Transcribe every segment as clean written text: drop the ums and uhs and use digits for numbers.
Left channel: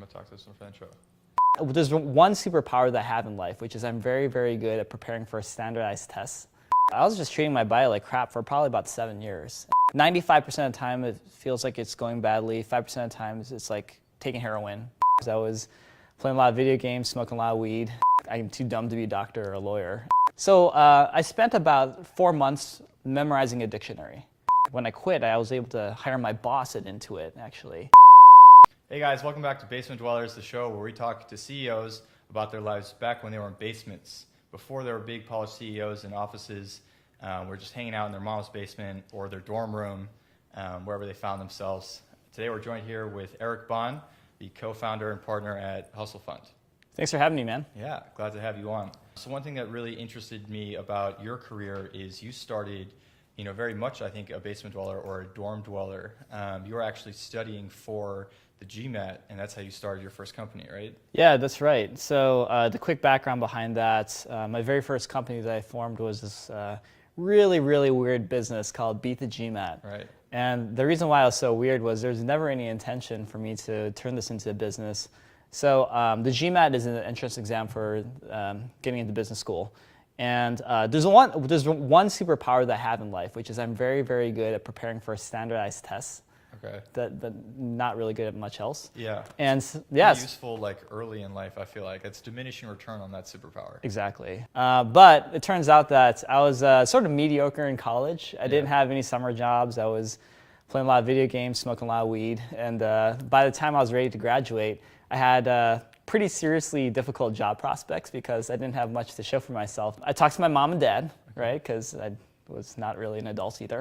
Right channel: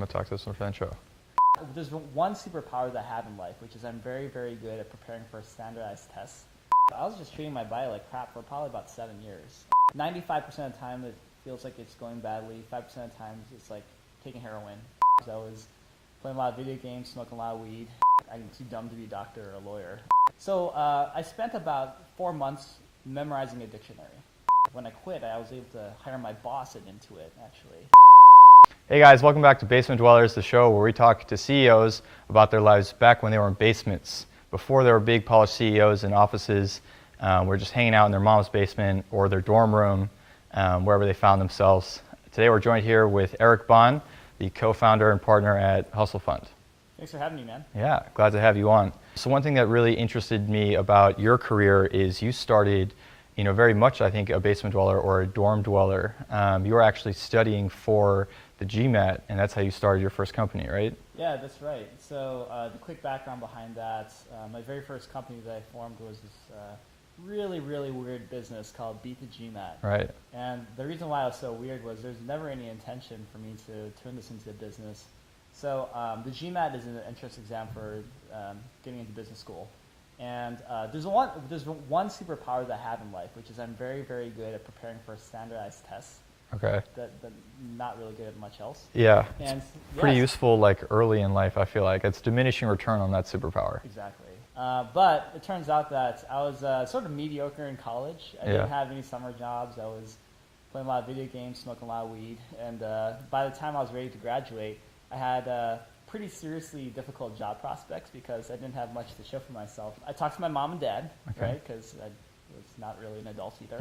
I'm gonna talk to this one for the intro. There's one superpower that I have in life, which is I'm very, very good at preparing for standardized tests. I was just treating my body like crap for probably about 7 years. 95% of the time it feels like it's going badly. 5% of the times it's like taking heroin. I was playing a lot of video games, smoking a lot of weed. I'm too dumb to be a doctor or a lawyer. So I spent about 4 months memorizing a dictionary. When I quit, I was able to hire my boss at Intuit, actually. Hey guys, welcome back to Basement Dwellers, the show where we talk to CEOs about their lives back when they were in basements. Before they were big polished CEOs in offices, we're just hanging out in their mom's basement or their dorm room, wherever they found themselves. Today we're joined here with Bahn, the co-founder and partner at Hustle Fund. Thanks for having me, man. Yeah, glad to have you on. So one thing that really interested me about your career is you started, very much, I think, a basement dweller or a dorm dweller. You were actually studying for the GMAT, and that's how you started your first company, right? Yeah, that's right. So the quick background behind that, my very first company that I formed was this really, really weird business called Beat the GMAT. Right. And the reason why it was so weird was there's never any intention for me to turn this into a business. So the GMAT is an entrance exam for getting into business school. And there's one superpower that I have in life, which is I'm very, very good at preparing for standardized tests. Okay. But not really good at much else. Yeah. And pretty useful like early in life, I feel like. It's diminishing return on that superpower. Exactly. But it turns out that I was sort of mediocre in college. I didn't have any summer jobs. I was playing a lot of video games, smoking a lot of weed. And by the time I was ready to graduate, I had pretty seriously difficult job prospects because I didn't have much to show for myself. I talked to my mom and dad, right? Because I was not really an adult either.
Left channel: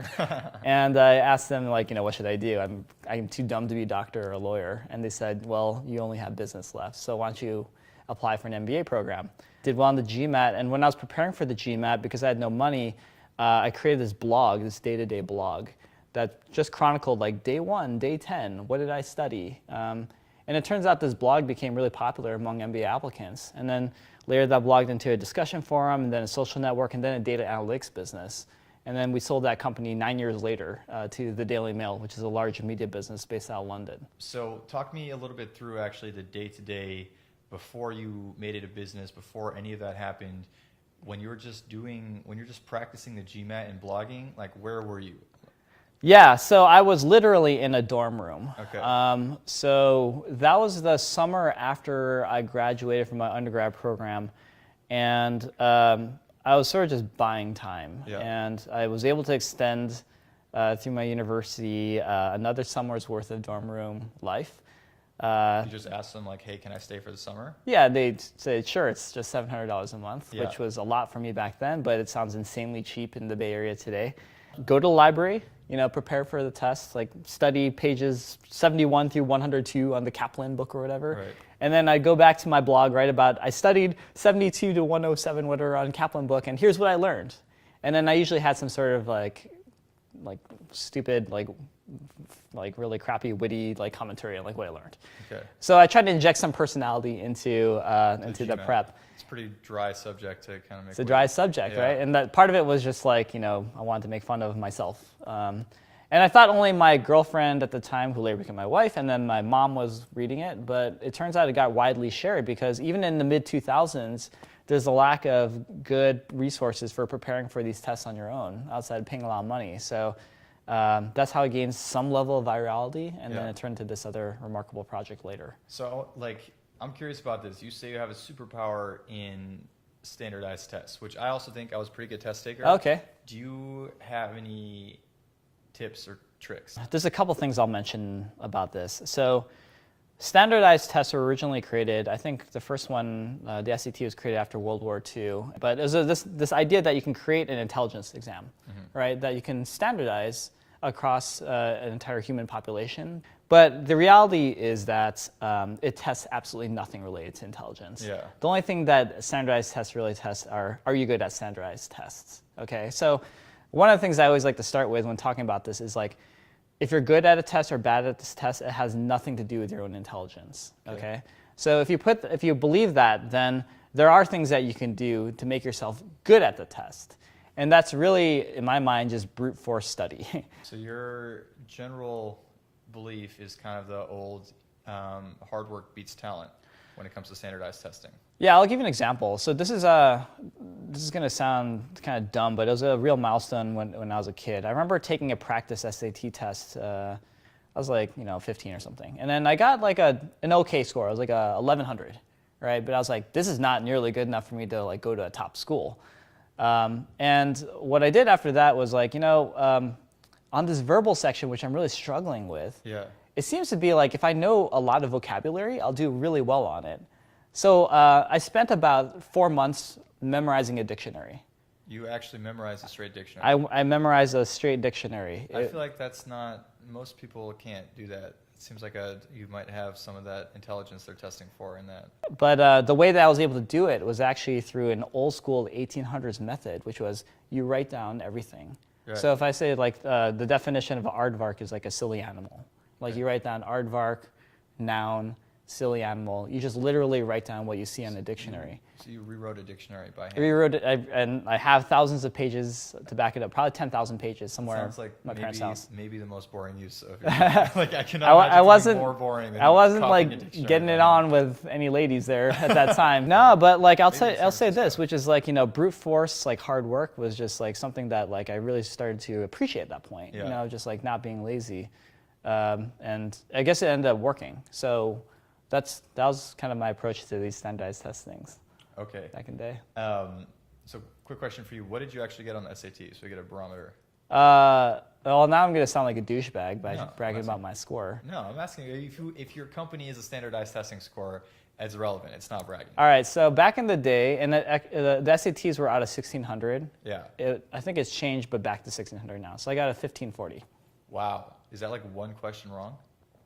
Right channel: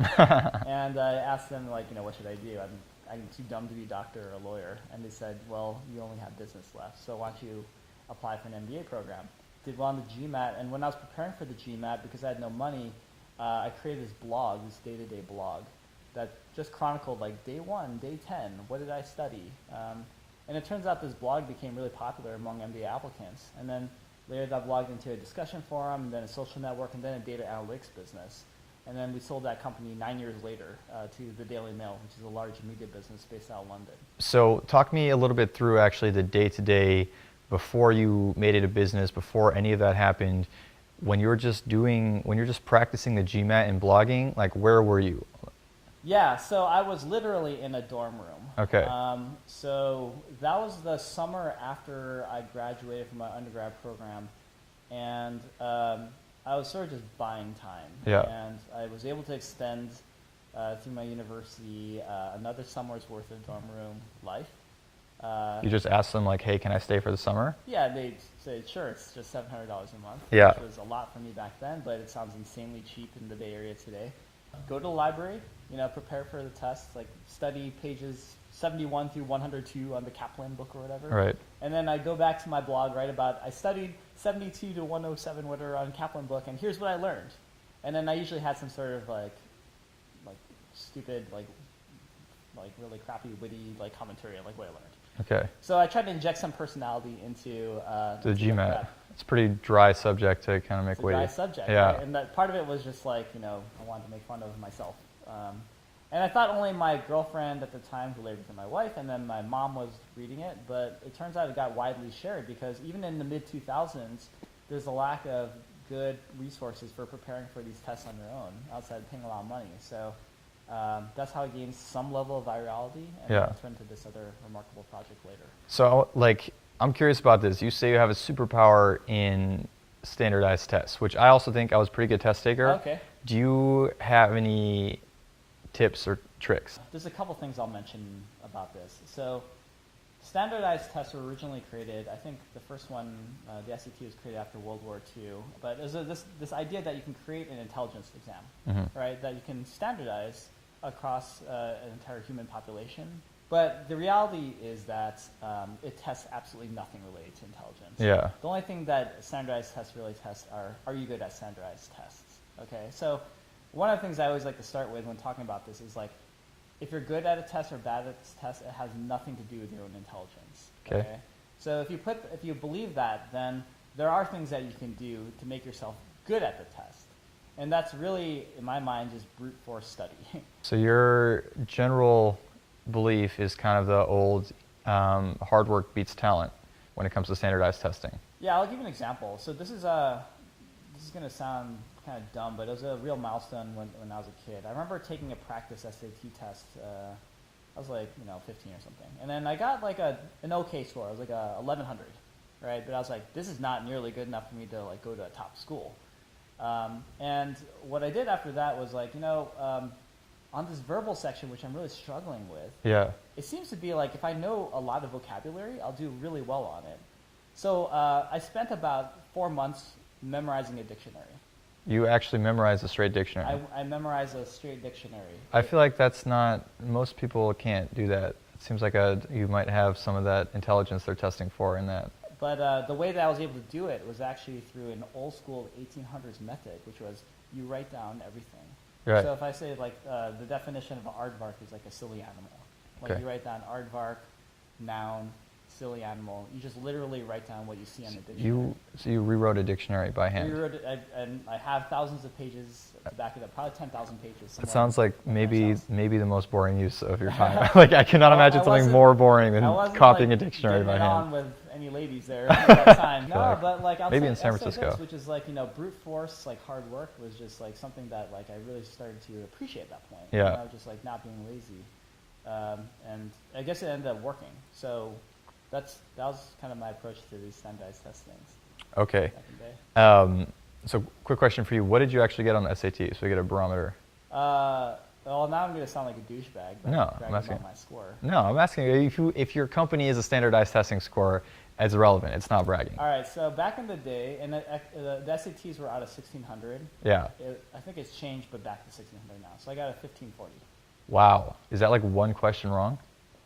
And I asked them, like, what should I do? I'm too dumb to be a doctor or a lawyer. And they said, well, you only have business left, so why don't you apply for an MBA program? Did well on the GMAT, and when I was preparing for the GMAT, because I had no money, I created this blog, this day-to-day blog, that just chronicled, like, day 1, day 10, what did I study? And it turns out this blog became really popular among MBA applicants. And then later that blogged into a discussion forum, and then a social network, and then a data analytics business. And then we sold that company 9 years later to the Daily Mail, which is a large media business based out of London. So talk me a little bit through actually the day-to-day before you made it a business, before any of that happened, when you're just practicing the GMAT and blogging, like where were you? Yeah, so I was literally in a dorm room. Okay. So that was the summer after I graduated from my undergrad program. And I was sort of just buying time. Yeah. And I was able to extend through my university another summer's worth of dorm room life. You just asked them, like, hey, can I stay for the summer? Yeah, they'd say, sure, it's just $700 a month, which was a lot for me back then, but it sounds insanely cheap in the Bay Area today. Go to the library, prepare for the test, like study pages 71 through 102 on the Kaplan book or whatever. Right. And then I go back to my blog, write about, I studied 72 to 107, whatever, on Kaplan book, and here's what I learned. And then I usually had some sort of like stupid, like really crappy, witty, commentary on what I learned. Okay. So I tried to inject some personality into the prep. It's a pretty dry subject to kind of make. It's a dry subject, right? And that part of it was just I wanted to make fun of myself. And I thought only my girlfriend at the time, who later became my wife, and then my mom was reading it, but it turns out it got widely shared because even in the mid-2000s, there's a lack of good resources for preparing for these tests on your own, outside of paying a lot of money. So that's how it gained some level of virality, and then it turned into this other remarkable project later. So, I'm curious about this. You say you have a superpower in standardized tests, which I also think I was a pretty good test taker. Okay. Do you have any tips or tricks? There's a couple things I'll mention about this. So standardized tests were originally created, I think the first one, the SAT, was created after World War II. But it was this idea that you can create an intelligence exam, right? That you can standardize across an entire human population. But the reality is that it tests absolutely nothing related to intelligence. Yeah. The only thing that standardized tests really test are you good at standardized tests? Okay, so one of the things I always like to start with when talking about this is if you're good at a test or bad at this test, it has nothing to do with your own intelligence. Okay? So if you believe that, then there are things that you can do to make yourself good at the test. And that's really, in my mind, just brute force study. So your general belief is kind of the old hard work beats talent when it comes to standardized testing? Yeah, I'll give you an example. So this is going to sound kind of dumb, but it was a real milestone when I was a kid. I remember taking a practice SAT test. I was like, 15 or something. And then I got like an okay score. I was like a 1100, right? But I was like, this is not nearly good enough for me to like go to a top school. And what I did after that was like, on this verbal section, which I'm really struggling with, it seems to be like if I know a lot of vocabulary, I'll do really well on it. So I spent about 4 months memorizing a dictionary. You actually memorized a straight dictionary? I memorized a straight dictionary. I feel like that's not, most people can't do that. It seems like you might have some of that intelligence they're testing for in that. But the way that I was able to do it was actually through an old school 1800s method, which was you write down everything. Right. So if I say like the definition of an aardvark is like a silly animal. Like you write down aardvark, noun, silly animal. You just literally write down what you see on the dictionary. So you rewrote a dictionary by hand? Rewrote it, and I have thousands of pages to back it up. Probably 10,000 pages somewhere. It sounds like maybe the most boring use of your time. Like I cannot imagine something more boring than copying a dictionary. Getting it on with any ladies there at that time. No, but like I'll say this, which is like brute force, like hard work was just like something that like I really started to appreciate at that point. Yeah. Just like not being lazy, and I guess it ended up working. So. That was kind of my approach to these standardized test things. Okay. Back in the day. So quick question for you. What did you actually get on the SAT? So we get a barometer. Well, now I'm going to sound like a douchebag by bragging about my score. No, I'm asking you if your company is a standardized testing score, it's irrelevant. It's not bragging. All right. So back in the day, and the SATs were out of 1600. Yeah. I think it's changed, but back to 1600 now. So I got a 1540. Wow. Is that like one question wrong?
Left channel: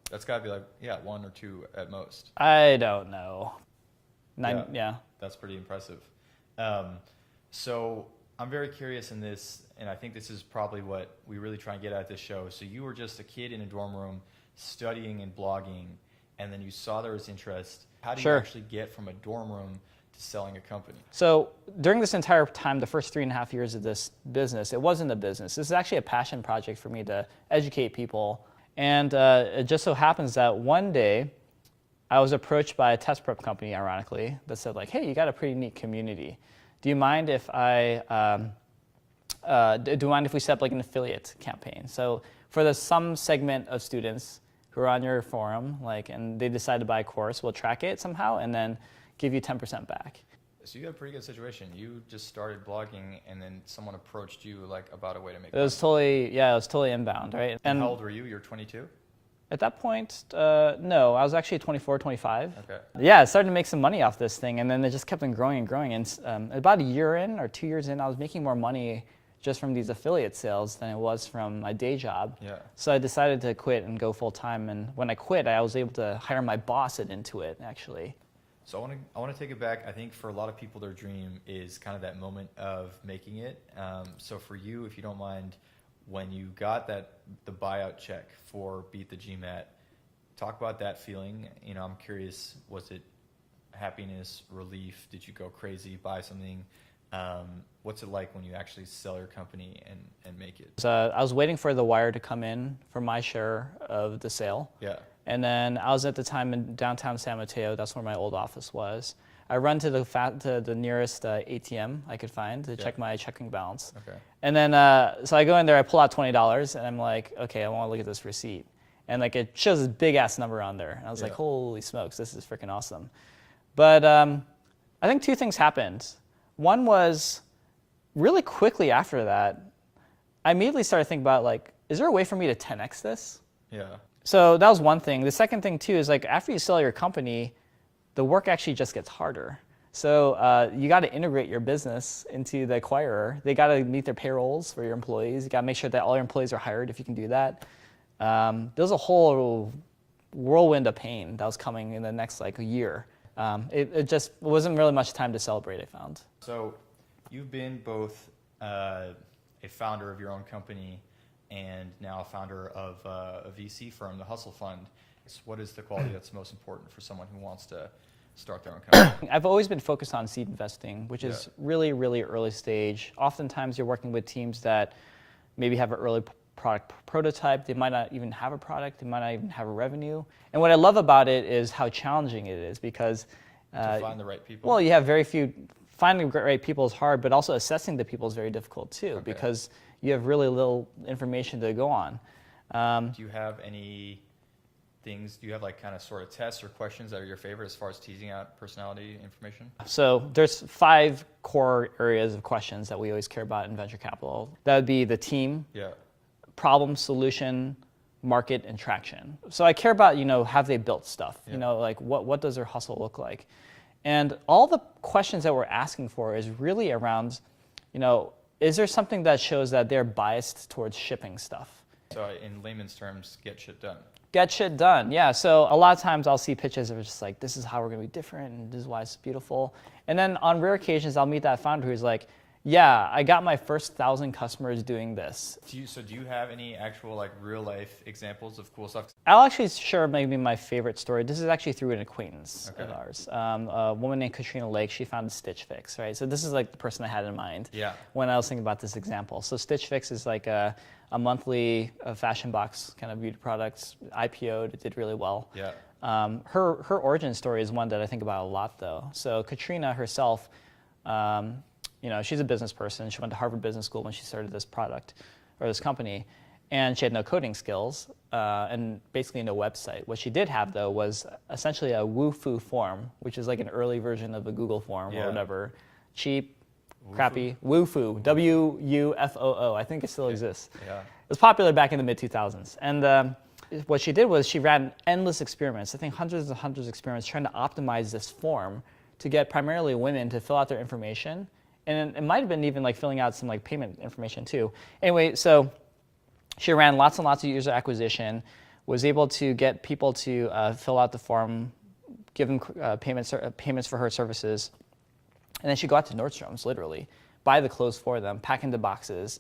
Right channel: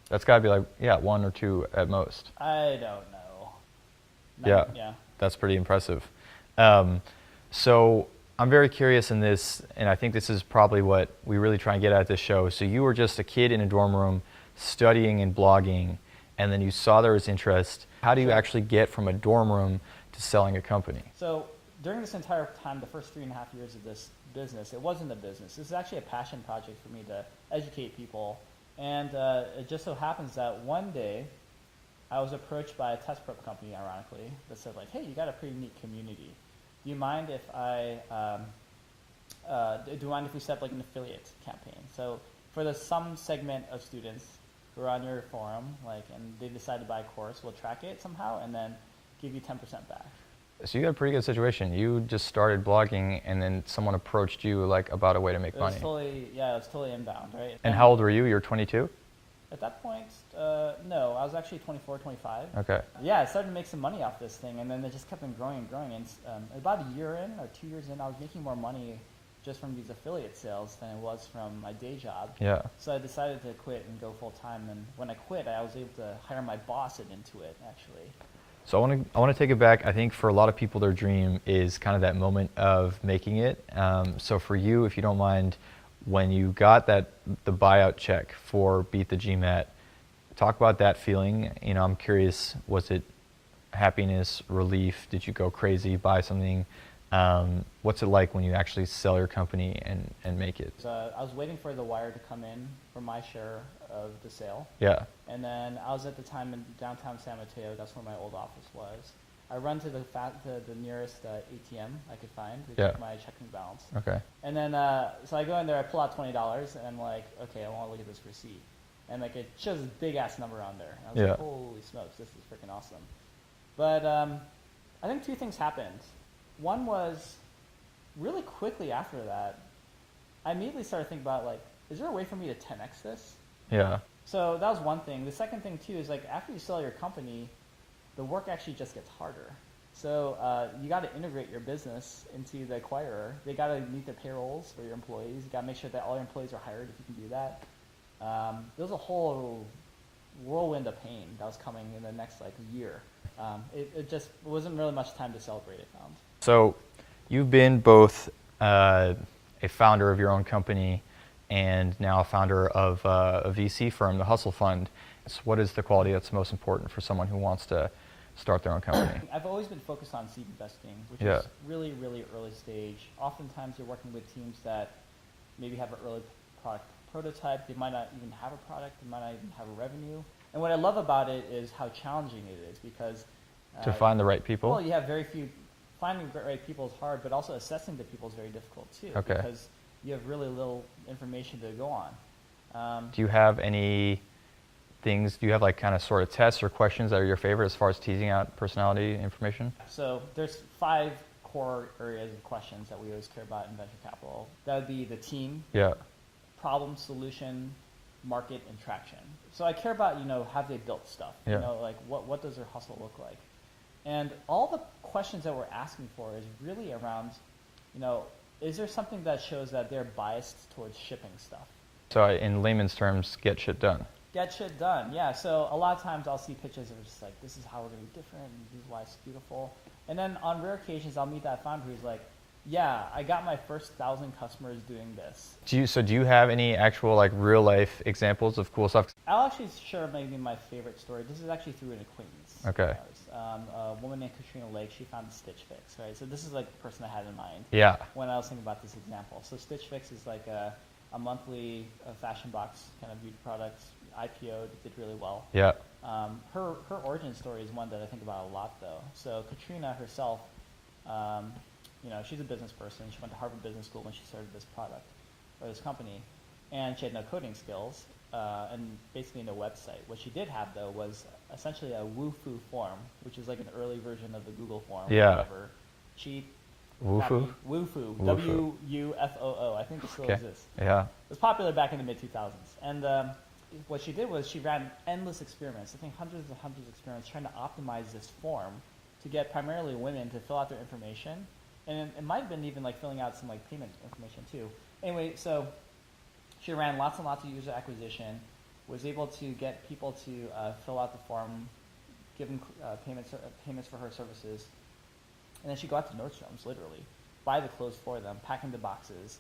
That's got to be like, one or two at most. I don't know. Yeah. That's pretty impressive. So I'm very curious in this, and I think this is probably what we really try and get at this show. So you were just a kid in a dorm room studying and blogging, and then you saw there was interest. How do you actually get from a dorm room to selling a company? So during this entire time, the first 3.5 years of this business, it wasn't a business. This is actually a passion project for me to educate people. And it just so happens that one day, I was approached by a test prep company, ironically, that said like, hey, you got a pretty neat community. Do you mind if we set up like an affiliate campaign? So for some segment of students who are on your forum, and they decide to buy a course, we'll track it somehow and then give you 10% back. So you got a pretty good situation. You just started blogging, and then someone approached you about a way to make money. It was totally inbound, right? And how old were you? You were 22? At that point, no, I was actually 24, 25. Okay. Yeah, I started to make some money off this thing, and then it just kept on growing and growing. And about a year in or 2 years in, I was making more money just from these affiliate sales than it was from my day job. Yeah. So I decided to quit and go full time. And when I quit, I was able to hire my boss at Intuit, actually. So I want to take it back. I think for a lot of people, their dream is kind of that moment of making it. So for you, if you don't mind, when you got the buyout check for Beat the GMAT, talk about that feeling. I'm curious, was it happiness, relief? Did you go crazy, buy something? What's it like when you actually sell your company and make it? I was waiting for the wire to come in for my share of the sale. Yeah. And then I was at the time in downtown San Mateo. That's where my old office was. I run to the nearest ATM I could find to check my checking balance. Okay. And then so I go in there, I pull out $20, and I'm like, okay, I want to look at this receipt. And it shows this big ass number on there. And I was like, holy smokes, this is freaking awesome. But I think two things happened. One was really quickly after that, I immediately started thinking about is there a way for me to 10x this? Yeah. So that was one thing. The second thing too is after you sell your company, the work actually just gets harder. So you got to integrate your business into the acquirer. They got to meet their payrolls for your employees. You got to make sure that all your employees are hired if you can do that. There was a whole whirlwind of pain that was coming in the next year. It just wasn't really much time to celebrate, I found. So you've been both a founder of your own company and now a founder of a VC firm, the Hustle Fund. So what is the quality that's most important for someone who wants to start their own company? I've always been focused on seed investing, which is really, really early stage. Oftentimes you're working with teams that maybe have an early product prototype. They might not even have a product. They might not even have a revenue. And what I love about it is how challenging it is because To find the right people? well, you have very few. Finding the right people is hard, but also assessing the people is very difficult too, Okay. because you have really little information to go on. Do you have any things, do you have like kind of sort of tests or questions that are your favorite as far as teasing out personality information? So there's 5 core areas of questions that we always care about in venture capital. That would be the team, Yeah. problem, solution, market, and traction. So I care about, have they built stuff? Yeah. Like what does their hustle look like? And all the questions that we're asking for is really around, is there something that shows that they're biased towards shipping stuff? So in layman's terms, get shit done. Get shit done, yeah. So a lot of times I'll see pitches that are just like, this is how we're gonna be different, and this is why it's beautiful. And then on rare occasions, I'll meet that founder who's like, yeah, I got my first 1,000 customers doing this. Do you have any actual like real life examples of cool stuff? I'll actually share maybe my favorite story. This is actually through an acquaintance Okay. of ours. A woman named Katrina Lake, she founded Stitch Fix, right? So this is like the person I had in mind Yeah. when I was thinking about this example. So Stitch Fix is like a monthly fashion box kind of beauty products, IPO'd, it did really well. Yeah. Her origin story is one that I think about a lot though. So Katrina herself, she's a business person. She went to Harvard Business School when she started this product or this company, and she had no coding skills and basically no website. What she did have though was essentially a Wufoo form, which is like an early version of a Google form Yeah. or whatever. Cheap, Wufoo? crappy, Wufoo, WUFOO. I think it still Okay. exists. Yeah. It was popular back in the mid-2000s. And what she did was she ran endless experiments, I think hundreds and hundreds of experiments, trying to optimize this form to get primarily women to fill out their information. And it might have been even like filling out some like payment information too. Anyway, so she ran lots and lots of user acquisition, was able to get people to fill out the form, give them payments for her services. And then she'd go out to Nordstrom's, literally, buy the clothes for them, pack into boxes,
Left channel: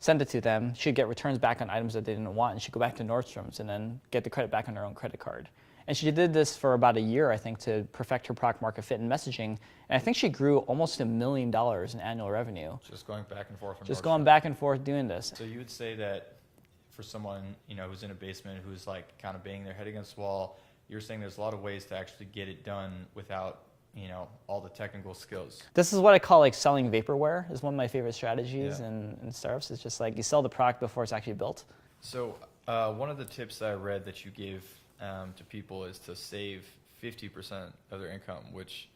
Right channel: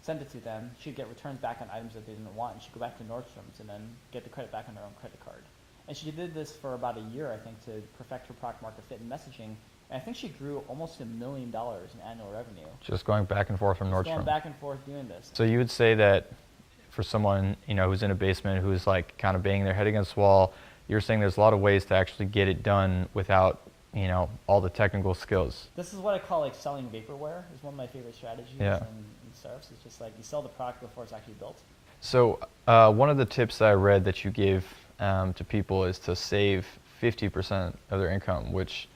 send it to them. She'd get returns back on items that they didn't want, and she'd go back to Nordstrom's and then get the credit back on her own credit card. And she did this for about a year, I think, to perfect her product market fit and messaging. And I think she grew almost $1 million in annual revenue. Just going back and forth from Just Nordstrom. going back and forth doing this. So you would say that for someone, who's in a basement, who's like kind of banging their head against the wall, you're saying there's a lot of ways to actually get it done without, all the technical skills. This is what I call like selling vaporware. Is one of my favorite strategies Yeah. in startups. It's just like you sell the product before it's actually built. So one of the tips that I read that you give to people is to save 50% of their income, which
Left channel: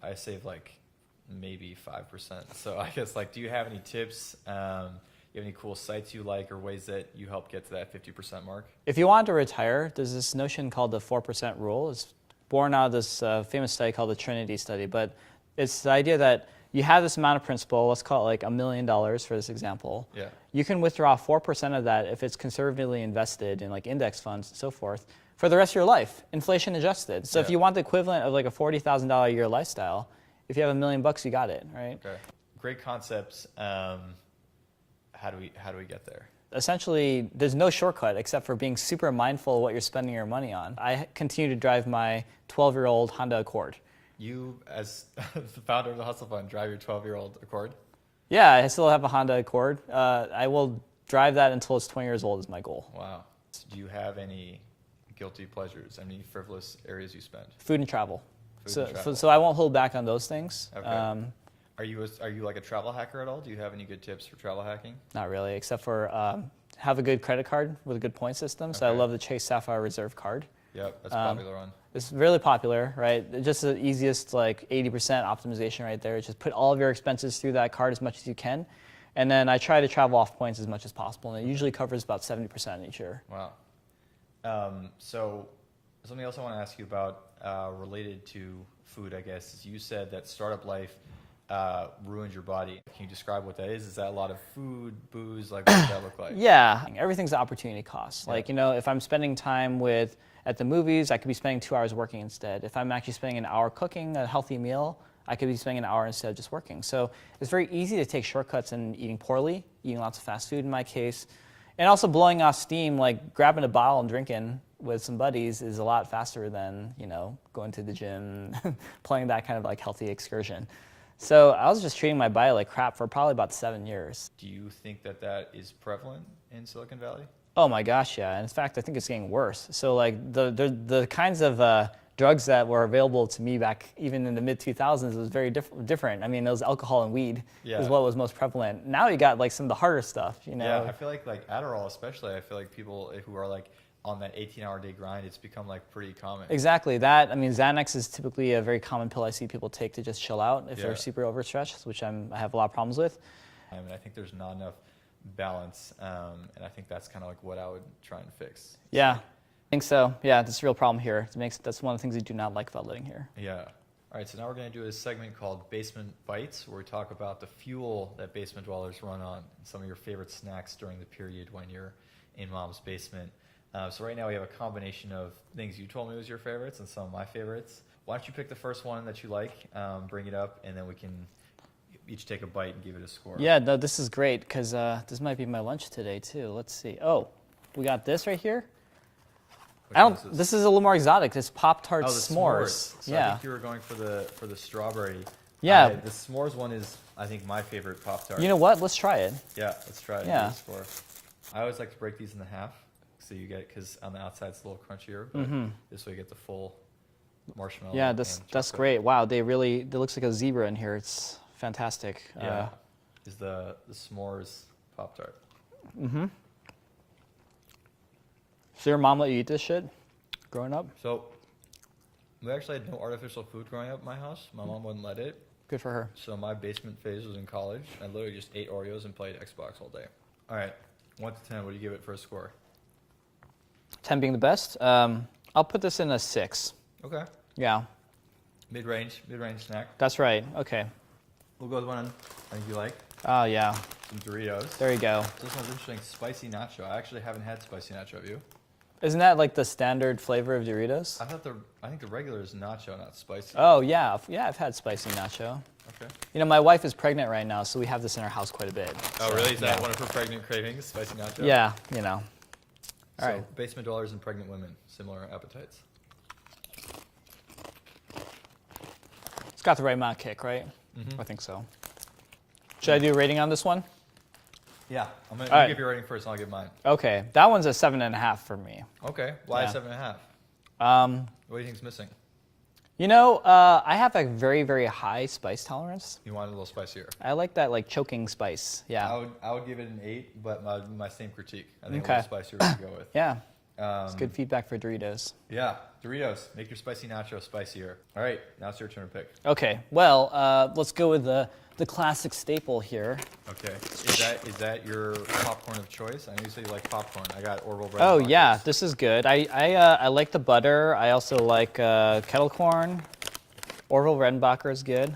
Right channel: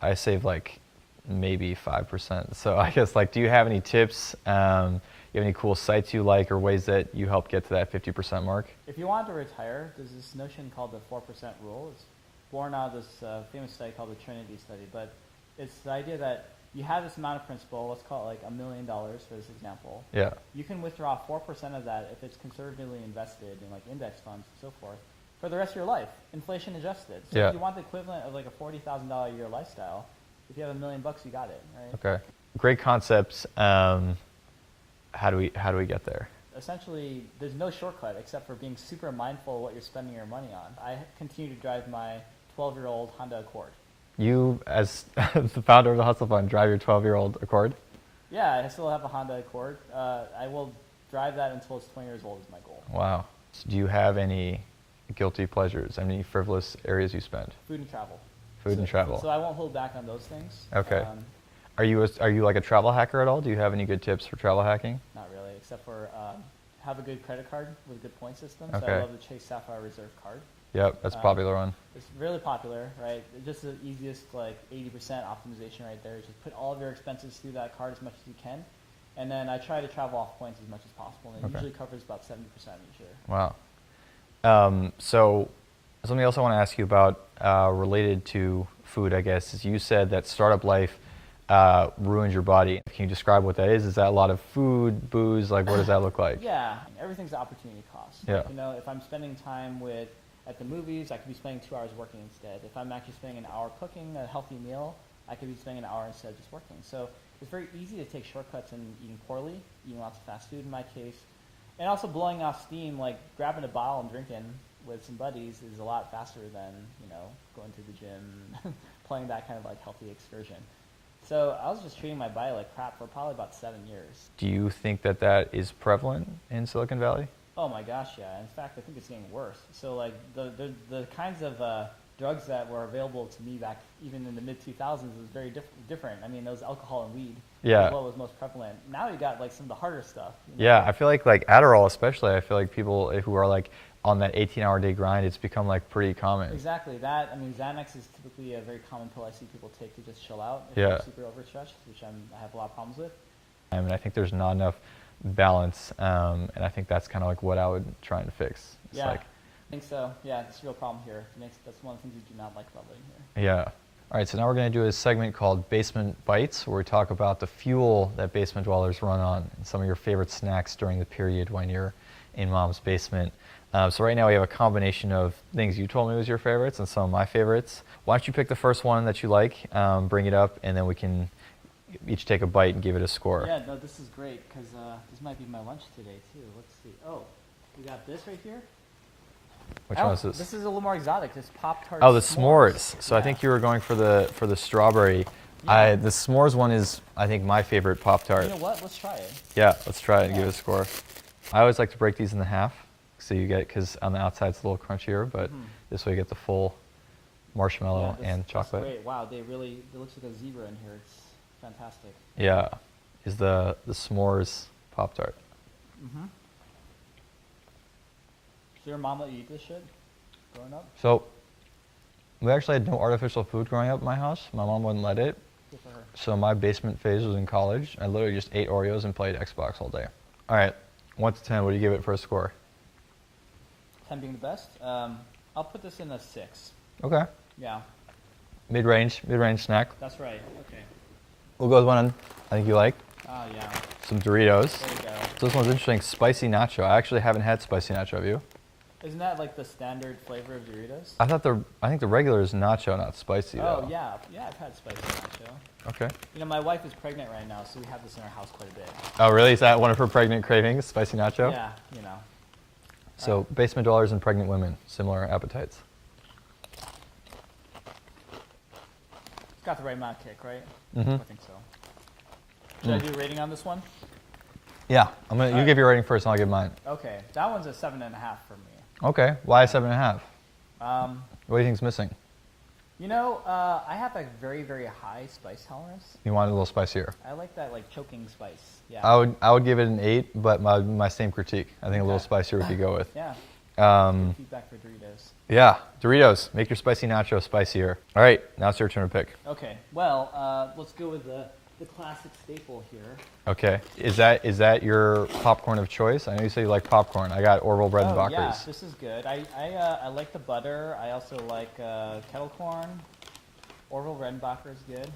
I save like maybe 5%. So I guess do you have any tips? You have any cool sites you like or ways that you help get to that 50% mark? If you want to retire, there's this notion called the 4% rule. It's born out of this famous study called the Trinity study. But it's the idea that you have this amount of principal, let's call it like $1 million for this example. Yeah. You can withdraw 4% of that if it's conservatively invested in like index funds and so forth for the rest of your life, inflation adjusted. So Yeah. if you want the equivalent of like a $40,000 a year lifestyle, if you have $1 million, you got it, right? Okay. Great concepts. How do we get there? Essentially, there's no shortcut except for being super mindful of what you're spending your money on. I continue to drive my 12-year-old Honda Accord. You, as the founder of the Hustle Fund, drive your 12-year-old Accord? Yeah, I still have a Honda Accord. I will drive that until it's 20 years old is my goal. Wow. Do you have any guilty pleasures? Any frivolous areas you spend? Food and travel. Food and travel. So I won't hold back on those things. Okay. Are you like a travel hacker at all? Do you have any good tips for travel hacking? Not really, except for have a good credit card with a good point system. So Okay. I love the Chase Sapphire Reserve card. Yep, that's a popular one. It's really popular, right? Just the easiest, like 80% optimization right there. Just put all of your expenses through that card as much as you can. And then I try to travel off points as much as possible. And it usually covers about 70% each year. Wow. So something else I want to ask you about related to food, I guess, is you said that startup life ruins your body. Can you describe what that is? Is that a lot of food, booze? Like, what does that look like? Yeah, everything's an opportunity cost. Yeah. Like, if I'm spending time at the movies, I could be spending 2 hours working instead. If I'm actually spending an hour cooking a healthy meal, I could be spending an hour instead of just working. So it's very easy to take shortcuts in eating poorly, eating lots of fast food in my case, and also blowing off steam, like grabbing a bottle and drinking with some buddies is a lot faster than, going to the gym, playing that kind of like healthy excursion. So I was just treating my body like crap for probably about 7 years. Do you think that is prevalent in Silicon Valley? Oh my gosh, yeah. And in fact, I think it's getting worse. So like the kinds of drugs that were available to me back even in the mid 2000s was very different. I mean, it was alcohol and weed Yeah. is what was most prevalent. Now you got like some of the harder stuff. You know? Yeah, I feel like Adderall especially, I feel like people who are like on that 18-hour day grind, it's become like pretty common. Exactly. That, I mean, Xanax is typically a very common pill I see people take to just chill out if Yeah. they're super overstretched, which I have a lot of problems with. And I think there's not enough balance, and I think that's kind of like what I would try and fix. It's Yeah, like, I think so. Yeah, that's a real problem here. That's one of the things I do not like about living here. yeah. All right, so now we're going to do a segment called Basement Bites, where we talk about the fuel that basement dwellers run on and some of your favorite snacks during the period when you're in mom's basement. So right now we have a combination of things you told me was your favorites and some of my favorites. Why don't you pick the first one that you like, bring it up, and then we can each take a bite and give it a score. Yeah, no, this is great because this might be my lunch today too. Let's see. Oh, we got this right here. Which one is this? This is a little more exotic. This Pop-Tart Oh, the s'mores. s'mores. So I think you were going for the strawberry. Yeah. The s'mores one is, I think, my favorite Pop-Tart. You know what? Let's try it. Yeah, let's try it and Yeah. give it a score. I always like to break these into half, so you get, because on the outside it's a little crunchier, but this way you get the full marshmallow Yeah, and chocolate. that's great. Wow, there looks like a zebra in here. It's fantastic. Yeah, is the s'mores Pop-Tart. So your mom let you eat this shit growing up? So we actually had no artificial food growing up in my house. My mom wouldn't let it. Good for her. So my basement phase was in college. I literally just ate Oreos and played Xbox all day. All right, 1 to 10, what do you give it for a score? 10 being the best. I'll put this in a 6. Okay. Yeah, Mid-range snack. that's right. Okay. We'll go with one I think you like. Oh, yeah. Some Doritos. There you go. So this one's interesting, spicy nacho. I actually haven't had spicy nacho, have you? Isn't that like the standard flavor of Doritos? I think the regular is nacho, not spicy. Oh, yeah. Yeah, I've had spicy nacho. Okay. You know, my wife is pregnant right now, so we have this in our house quite a bit. Oh, really? Is that one of her pregnant cravings, spicy nacho? Yeah, you know. So right. basement dwellers and pregnant women, similar appetites. It's got the right amount of kick, right? Mm-hmm. I think so. Should I do a rating on this one? Yeah, you right. give your rating first and I'll give mine. Okay, that one's a 7.5 for me. Okay, why 7.5? What do you think's missing? You know, I have a very, very high spice tolerance. You want it a little spicier. I like that like choking spice. Yeah. I would give it an 8, but my same critique. I think a little Okay. spicier we could go with. Yeah. That's good feedback for Doritos. Yeah, Doritos, make your spicy nacho spicier. All right, now it's your turn to pick. Okay. Well, let's go with the classic staple here. Okay, is that your popcorn of choice? I know you say you like popcorn. I got Orville bread. Oh yeah, this is good. I like the butter. I also like kettle corn. Orville Redenbacher is good.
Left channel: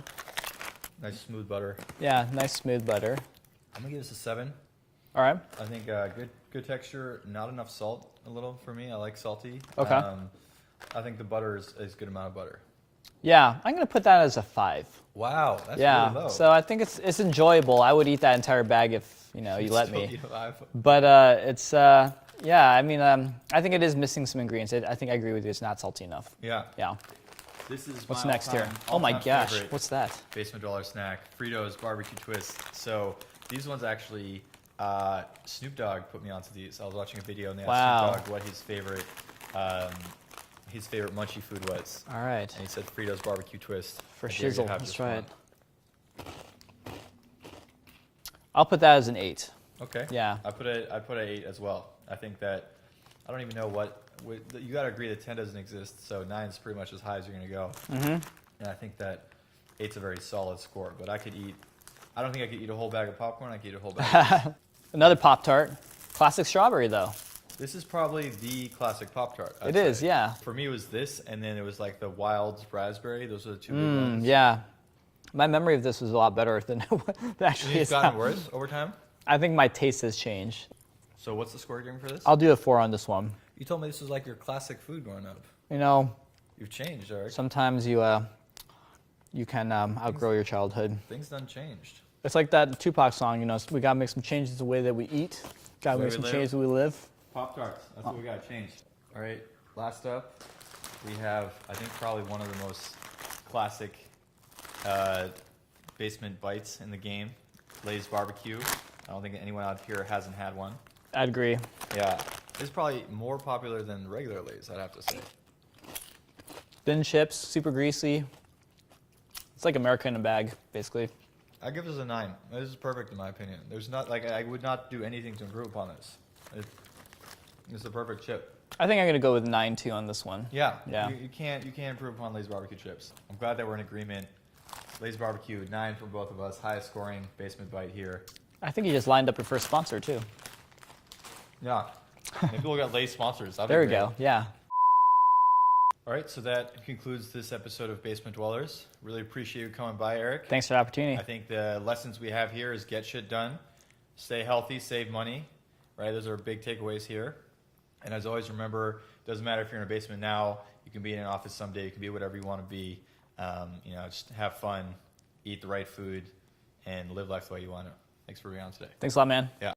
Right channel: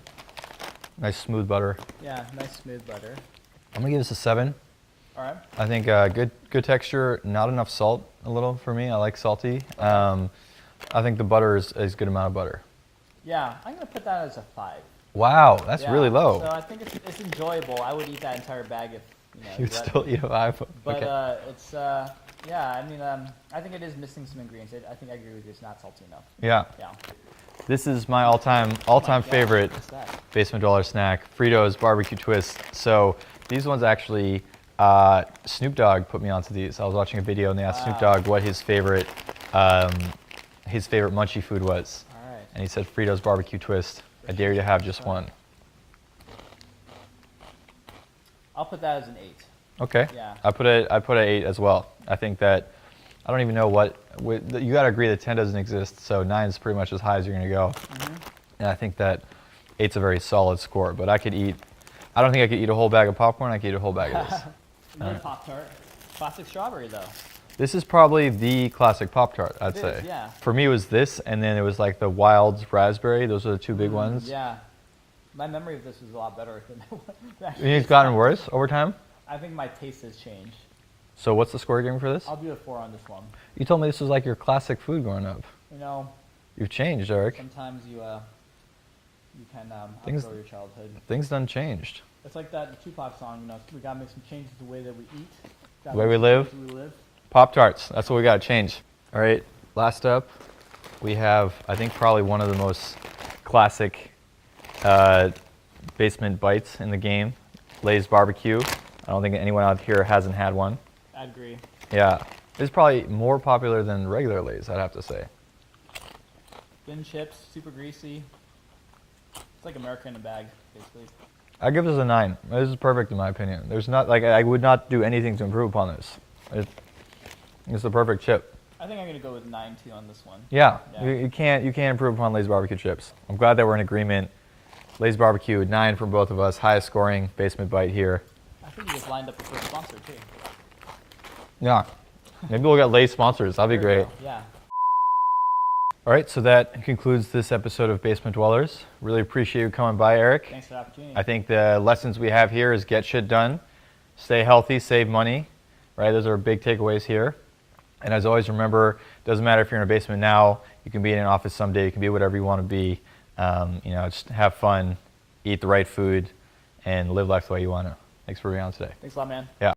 Nice smooth butter. Yeah, nice smooth butter. I'm gonna give this a 7. All right. I think good texture, not enough salt. A little for me. I like salty. Okay. I think the butter is a good amount of butter. Yeah, I'm gonna put that as a 5. Wow, that's Yeah, really low. So I think it's enjoyable. I would eat that entire bag if you let Still me. eat a 5. But it's yeah. I mean, I think it is missing some ingredients. I think I agree with you. It's not salty enough. Yeah. Yeah. This is my What's next here? all-time Oh my gosh, favorite What's that? basement dweller snack, Fritos barbecue twist. So these ones actually, Snoop Dogg put me onto these. I was watching a video and they asked Snoop Wow. Dogg what his favorite munchie food was. All right. And he said Fritos barbecue twist. For I dare you to shizzle, have that's just right. one. I'll put that as an 8. Okay. Yeah. I put an 8 as well. I think that I don't even know you got to agree that 10 doesn't exist, so 9 is pretty much as high as you're going to go. Mm-hmm. And I think that 8's a very solid score, but I don't think I could eat a whole bag of popcorn. I could eat a whole bag of this. Another Pop-Tart. Classic strawberry though. This is probably the classic Pop-Tart, I'd say. It is, yeah. For me, it was this, and then it was like the wild raspberry. Those are the two big ones. Yeah. My memory of this was a lot better than what it You actually think is it's gotten now. worse over time? I think my taste has changed. So what's the score you're giving for this? I'll do a 4 on this one. You told me this was like your classic food growing up. You know, You've changed, Eric. sometimes you can outgrow your childhood. Things done changed. It's like that Tupac song, we gotta make some changes in the way that we eat. Gotta The way make we some live? changes the way we live. Pop-Tarts, that's what we got to change. All right, last up, we have, I think, probably one of the most classic basement bites in the game, Lay's Barbecue. I don't think anyone out here hasn't had one. I'd agree. Yeah. It's probably more popular than regular Lay's, I'd have to say. Thin chips, super greasy. It's like America in a bag, basically. I give this a 9. This is perfect in my opinion. There's not, like, I would not do anything to improve upon this. It's the perfect chip. I think I'm gonna go with 9 too on this one. Yeah. Yeah. You can't improve upon Lay's barbecue chips. I'm glad that we're in agreement. Lay's barbecue, 9 from both of us. Highest scoring basement bite here. I think you just lined up your first sponsor too. Yeah. Maybe we'll get Lay's sponsors. That'd be There we great. go. Yeah. All right, so that concludes this episode of Basement Dwellers. Really appreciate you coming by, Eric. Thanks for the opportunity. I think the lessons we have here is get shit done, stay healthy, save money, right? Those are big takeaways here. And as always, remember, it doesn't matter if you're in a basement now, you can be in an office someday, you can be whatever you want to be. Just have fun, eat the right food, and live life the way you want to. Thanks for being on today. Thanks a lot, man. Yeah.